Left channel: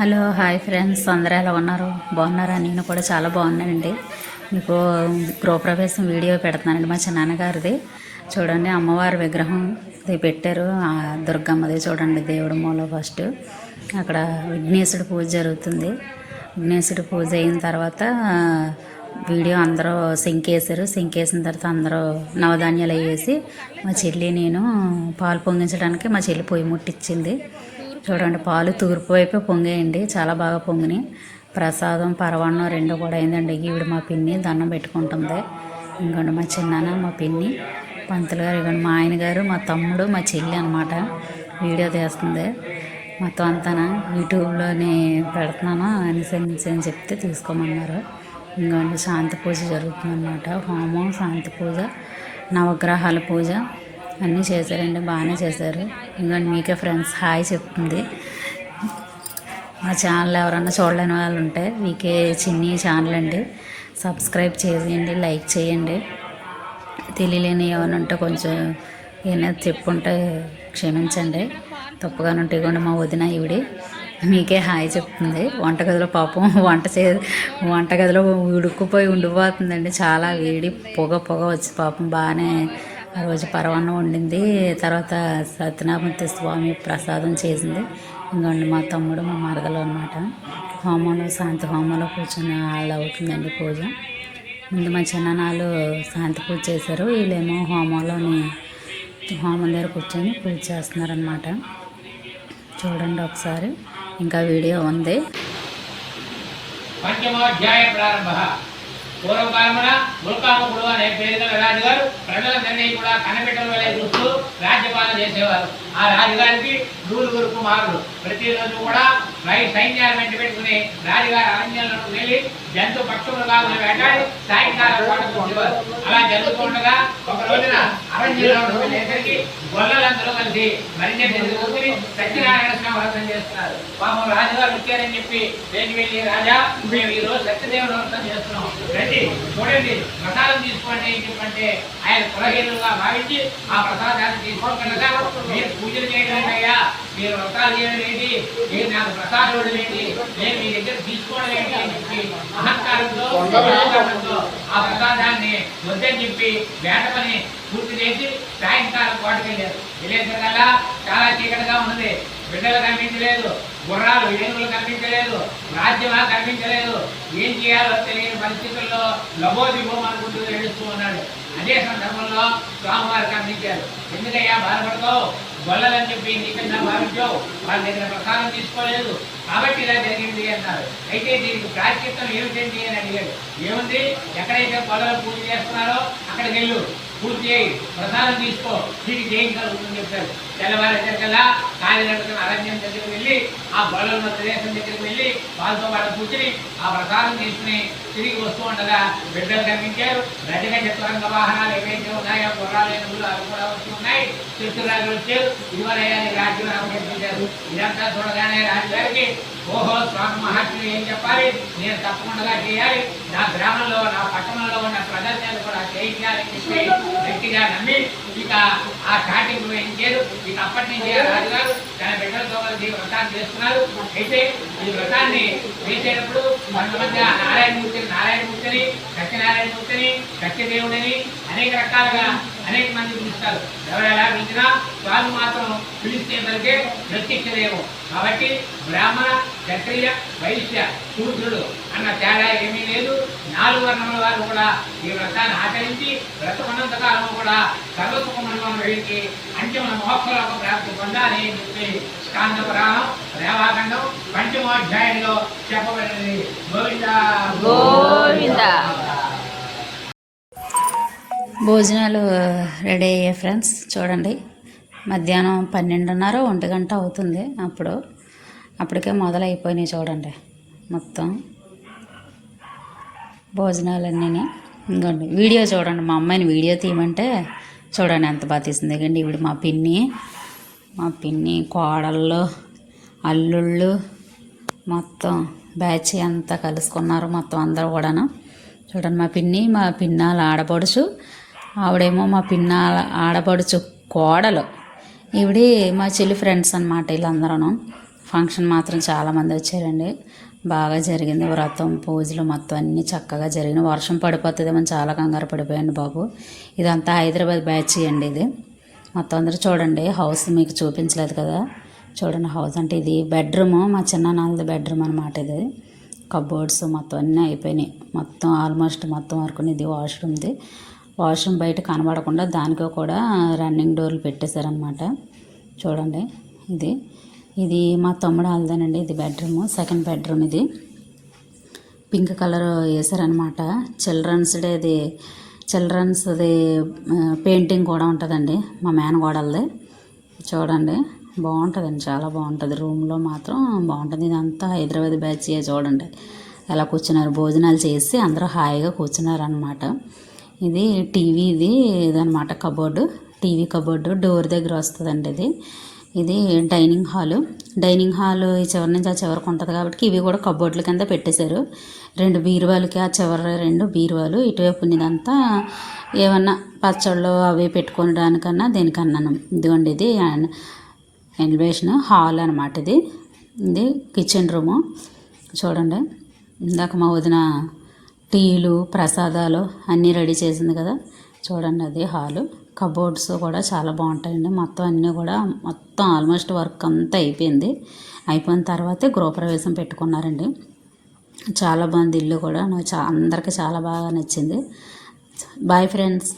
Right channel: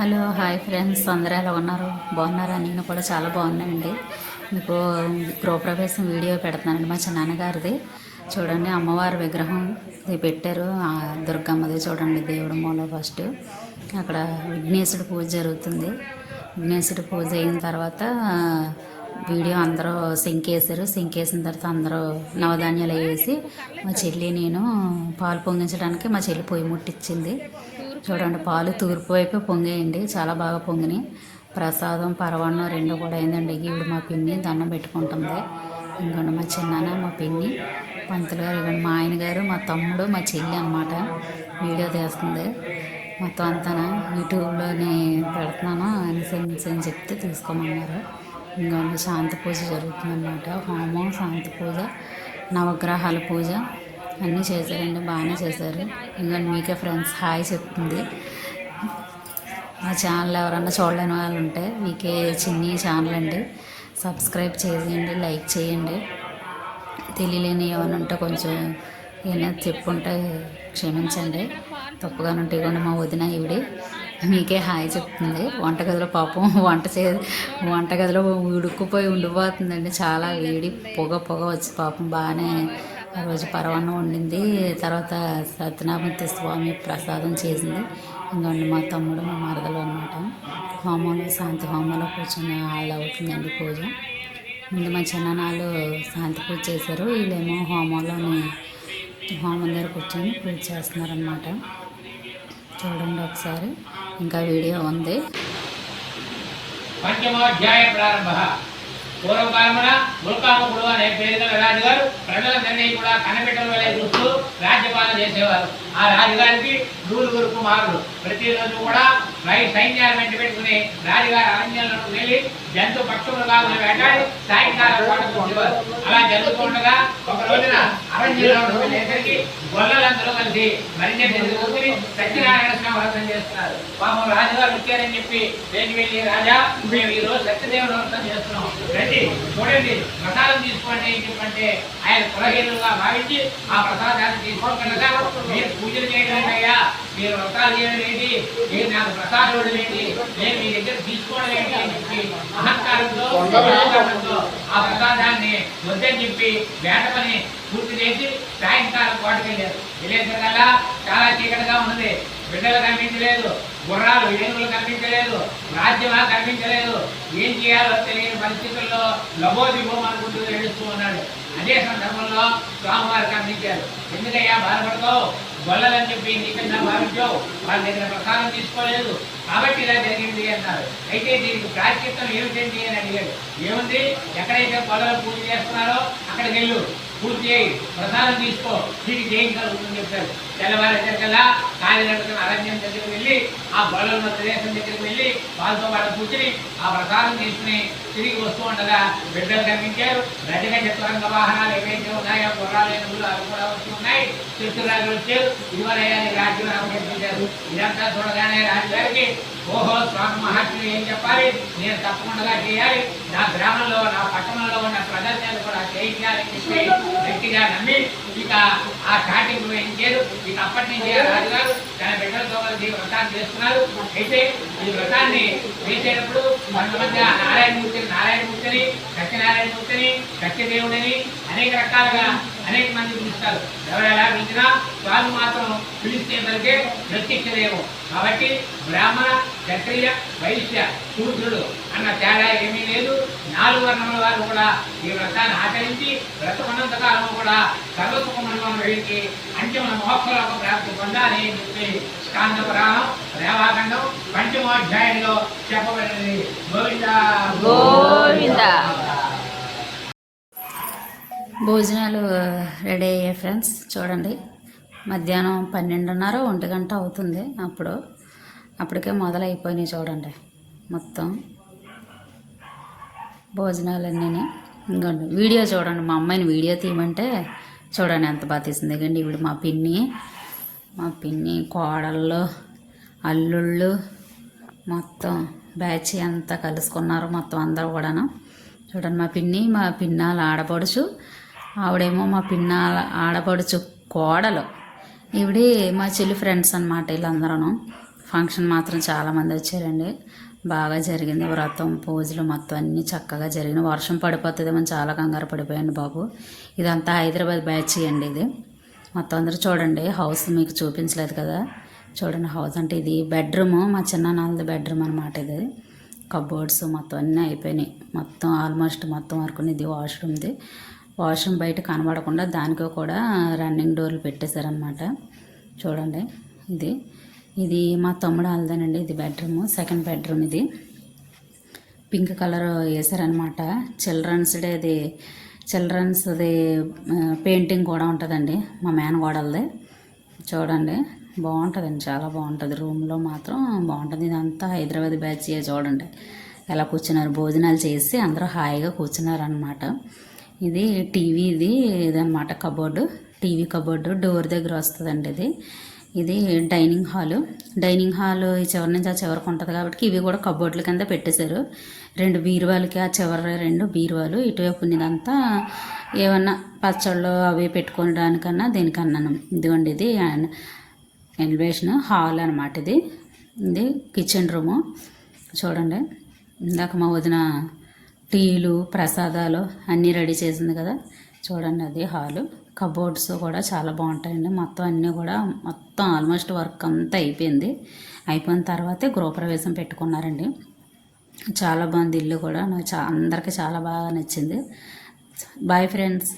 Hello hi friends, అందరూ ఎలా ఉన్నారు? బాగున్నారా? నేను కూడా చాలా బాగున్నానండి. మీకు గృహప్రవేశం వీడియో పెడుతున్నానండి మా చిన్నాన్నగారిది. చూడండి, అమ్మవారి విగ్రహం ఇది పెట్టారు. దుర్గమ్మది చూడండి, దేవుడు మూల ఫస్ట్. అక్కడ విఘ్నేశుడి పూజ జరుగుతుంది. విఘ్నేశుడి పూజ అయిన తర్వాత వీడియో అందరూ సింకేసారు. సింకేసిన తర్వాత అందరూ నవధాన్యాలు వేసి మా చెల్లి నేను పాలు పొంగించడానికి మా చెల్లి పొయ్యి ముట్టించింది. చూడండి, పాలు తూర్పు వైపే పొంగేయండి, చాలా బాగా పొంగినాయి. ప్రసాదం పరవాన్నం రెండు కూడా అయిందండి. ఈవిడ మా పిన్ని దండం పెట్టుకుంటుంది. ఇంకోండి మా చిన్నాన్న, మా పిన్ని, పంతులు గారు, ఇవ్వండి మా ఆయన గారు, మా తమ్ముడు, మా చెల్లి అనమాట వీడియో తీస్తుంది. మొత్తం అంతా యూట్యూబ్లోనే పెడుతున్నాను అని చెప్తే తీసుకోమన్నారు. ఇంకోండి శాంతి పూజ జరుగుతుందన్నమాట. హోమం, శాంతి పూజ, నవగ్రహాల పూజ అన్నీ చేశారండి, బాగానే చేశారు. ఇంకోండి మీకే ఫ్రెండ్స్ హాయ్ చెప్తుంది. మా ఛానల్ ఎవరన్నా చూడలేని వాళ్ళు ఉంటే మీకే చిన్ని ఛానల్ అండి, సబ్స్క్రైబ్ చేయండి, లైక్ చేయండి. తెలియలేని ఏమైనా ఉంటే కొంచెం ఏమైనా చెప్పుంటే క్షమించండి, తప్పుగానే ఉంటే. కూడా మా వదిన ఈవిడి మీకే హాయ్ చెప్తుంది. వంటగదిలో పాపం వంటగదిలో ఉడుకుపోయి ఉండిపోతుందండి, చాలా వేడి పొగ వచ్చి పాపం బాగానే ఆ రోజు పరవాన్నం వండింది. తర్వాత సత్యనారాయణ స్వామి ప్రసాదం చేసింది. ఇంకోండి మా తమ్ముడు, మా మరదలు అనమాట. హోమంలో శాంతి హోమంలో కూర్చొని వాళ్ళు అవుతుందండి పూజ. ముందు మా చిన్ననాళ్ళు శాంతి పూజ చేశారు, వీళ్ళేమో హోమంలోని హోమం దగ్గర కూర్చొని పూజ చేస్తున్నారనమాట. చూడండి ఒకసారి, ఇంకా వీడియో ఉంది. పంచమోధ్యాయ ప్రారంభ. పూర్వకాలమున ముల్కాముకుడు అనే పేరు గల రాజుగారు ప్రజలందరినీ కూడా కన్నబిడ్డల వలె చూస్తూ రాజ్యపాలన చేసేవారు. ఆ రాజుగారికి నూరుగురు కుమారులు. ప్రతిరోజు కూడా సైన్యాలు వెంట పెట్టుకుని రాజుగారి అరణ్యంలోకి వెళ్ళి జంతు పక్షులుగా వేటాడి సాయంకాలం వచ్చేవారు. అలా జరుగుతుండగా ఒక రోజున అరణ్యంలో వెళ్ళేసరికి గొల్లలందరూ కలిసి మరిన్ని కూర్చుని సత్యనారాయణ స్వామి వ్రతం చేస్తున్నారు. పాపం రాజుగారు వచ్చారని చెప్పి వెళ్ళి రాజా, మేము ఈ రోజు సత్యదేవుని వ్రతం చేస్తున్నాం, రండి చూడండి, ప్రసాదం తీసుకోండి అని చెప్పంటే ఆయన కులహీనులుగా భావించి ఆ ప్రసాదాన్ని తీసుకోగలగా, మీరు పూజలు చేయడం అయ్యా, మీరు వ్రతాలు చేయడం ఏంటి, మీరు నాకు ప్రసాదం ఏంటి, నేను మీ దగ్గర తీసుకోవడం ఏంటి అని చెప్పి అహంకారంతో ఆ ప్రసాదాన్ని వద్దని చెప్పి వేట పని పూర్తి చేసి సాయంకాలం కోటకి వెళ్ళేసరికల్లా చాలా చీకటిగా ఉన్నది. బిడ్డలు కనిపించలేదు, గుర్రాలు ఏనుగులు కనిపించలేదు, రాజ్యమా కనిపించలేదు. ఏం చేయాలో తెలియని పరిస్థితుల్లో లబోదిబోం అనుకుంటూ ఏడుస్తూ ఉన్నాడు. అదే సందర్భంలో స్వామివారు కనిపించారు. ఎందుకయ్యా బాధపడతావు, గొల్లలని చెప్పి నీకన్నా భావించావు, వాళ్ళ దగ్గర ప్రసాదం తీసుకోలేదు కాబట్టి ఇలా జరిగింది అన్నారు. అయితే దీనికి ప్రాశ్చిత్తం ఏమిటండి అని అడిగాడు. ఏముంది, ఎక్కడైతే గొల్లలు పూజ చేస్తున్నారో అక్కడికి వెళ్ళు, పూజ చేయి, ప్రసాదం తీసుకో, దీనికి ఏం కలుగుతుందని చెప్పారు. తెల్లవారేసరికల్లా కాలినడకన అరణ్యం దగ్గరికి వెళ్ళి ఆ గొల్లల ప్రదేశం దగ్గరికి వెళ్ళి వాళ్ళతో పాటు కూర్చుని ఆ ప్రసాదం తీసుకుని తిరిగి వస్తూ ఉండగా బిడ్డలు కనిపించారు. గజగజ త్వరంగ వాహనాలు ఏవైతే ఉన్నాయో గుర్రాలు ఏనుగులు అవి కూడా వస్తూ ఉన్నాయి. చిత్తురాజు వచ్చారు. ఇదివరయ్యాన్ని రాజ్యం కనిపించారు. ఇదంతా చూడగానే రాజుగారికి ఓహో, స్వామి మహాత్ములు ఏం చెప్పాలి, నేను తప్పకుండా చేయాలి, నా గ్రామంలో నా పట్టణంలో ఉన్న ప్రదర్శనలు కూడా చేయించాలని చెప్పి గట్టిగా నమ్మి ఇక ఆ స్టార్టింగ్ వేయించారు. ఇక అప్పటి నుంచి రాజుగారు తన బిడ్డలతో కలిసి వ్రతాన్ని చేస్తున్నారు. అయితే ఈ వ్రతాన్ని వేసేటప్పుడు కొంతమంది నారాయణమూర్తిని, సత్యనారాయణమూర్తిని, సత్యదేవుడిని అనేక రకాలుగా అనేక మంది పిలుస్తారు. ఎవరు ఎలా పిలిచినా స్వామి మాత్రం పిలిస్తే పలికే ప్రత్యక్షదేవం. కాబట్టి బ్రాహ్మణ, క్షత్రియ, వైశ్య, శూద్రుడు అన్న తేడా ఏమీ లేదు. 4 వర్ణముల వారు కూడా ఈ వ్రతాన్ని ఆచరించి వ్రతమన్నంతకాలం కూడా సర్వసుఖమనుభవం వేడికి అంతిమ మోక్షలోక ప్రాప్తి పొందాలి అని చెప్పి స్కాంద పురాణం రేవాఖండం పంచమోధ్యాయంలో చెప్పబడినది. గోవింద గోవింద. భోజనాలు రెడీ అయ్యాయి ఫ్రెండ్స్. చూడండి, మధ్యాహ్నం 12:30 1 గంట అవుతుంది. అప్పటికే మొదలైపోయినాయి. చూడండి మొత్తం భోజనాలన్నీ. ఇంకోండి వీడియో చూడండి, మా అమ్మాయిని వీడియో తీయమంటే చూడండి ఎంత బాగా తీసింది. ఎందుకంటే ఇప్పుడు మా పిన్ని కోడళ్ళు, అల్లుళ్ళు మొత్తం బ్యాచ్ అంతా కలుసుకున్నారు. మొత్తం అందరూ కూడాను. చూడండి, మా పిన్నాల ఆడపడుచు, ఆవిడేమో మా పిన్నాల ఆడపడుచు కోడలు, ఈవిడి మా చెల్లి ఫ్రెండ్స్ అనమాట. వీళ్ళందరూ ఫంక్షన్ మాత్రం చాలామంది వచ్చారండి. బాగా జరిగింది. వ్రతం పూజలు మొత్తం అన్నీ చక్కగా జరిగిన. వర్షం పడిపోతుందేమని చాలా కంగారు పడిపోయాను బాబు. ఇదంతా హైదరాబాద్ బ్యాచ్ అండి. ఇది మొత్తం అందరూ చూడండి. హౌస్ మీకు చూపించలేదు కదా, చూడండి హౌస్. అంటే ఇది బెడ్రూము, మా చిన్నాన్నది బెడ్రూమ్ అనమాట. ఇది కబోర్డ్స్ మొత్తం అన్నీ అయిపోయినాయి. మొత్తం ఆల్మోస్ట్ మొత్తం వరకు. ఇది వాష్రూమ్ది. వాష్రూమ్ బయట కనబడకుండా దానికి కూడా రన్నింగ్ డోర్లు పెట్టేశారనమాట. చూడండి ఇది మా తమ్ముడు వాళ్ళదేనండి. ఇది బెడ్రూమ్, సెకండ్ బెడ్రూమ్. ఇది పింక్ కలర్ వేసారనమాట. చిల్డ్రన్స్ది పెయింటింగ్ కూడా ఉంటుందండి మా మేనగోడలది. చూడండి బాగుంటుందండి, చాలా బాగుంటుంది. రూమ్లో మాత్రం బాగుంటుంది. ఇదంతా హైదరాబాద్ బ్యాచ్. చూడండి ఎలా కూర్చున్నారు, భోజనాలు చేసి అందరూ హాయిగా కూర్చున్నారనమాట. ఇది ఇదనమాట కబోర్డు, టీవీ కబోర్డు డోర్ దగ్గర వస్తుందండి. ఇది డైనింగ్ హాలు ఈ చివరి నుంచి ఆ చివరికి ఉంటుంది కాబట్టి ఇవి కూడా కబోర్డుల కింద పెట్టేశారు. 2 బీరువాలకి, ఆ చివరి 2 బీరువాలు. ఇటువైపు ఉన్నదంతా ఏమన్నా పచ్చళ్ళు అవి పెట్టుకోవడానికన్నా దేనికన్నాను. ఇదిగోండి ఇది ఎలివేషన్ హాల్ అనమాట. ఇది కిచెన్ రూము. చూడండి ఇందాక మా వదిన టీలు ప్రసాదాలు అన్నీ రెడీ చేసింది కదా, చూడండి అది హాలు. కబోర్డ్స్ కూడా చాలా బాగుంటాయండి. మొత్తం అన్నీ కూడా మొత్తం ఆల్మోస్ట్ వర్క్ అంతా అయిపోయింది. అయిపోయిన తర్వాతే గృహప్రవేశం పెట్టుకున్నారండి. చాలా బాగుంది ఇల్లు కూడా. నాకు అందరికీ చాలా బాగా నచ్చింది. Bye friends.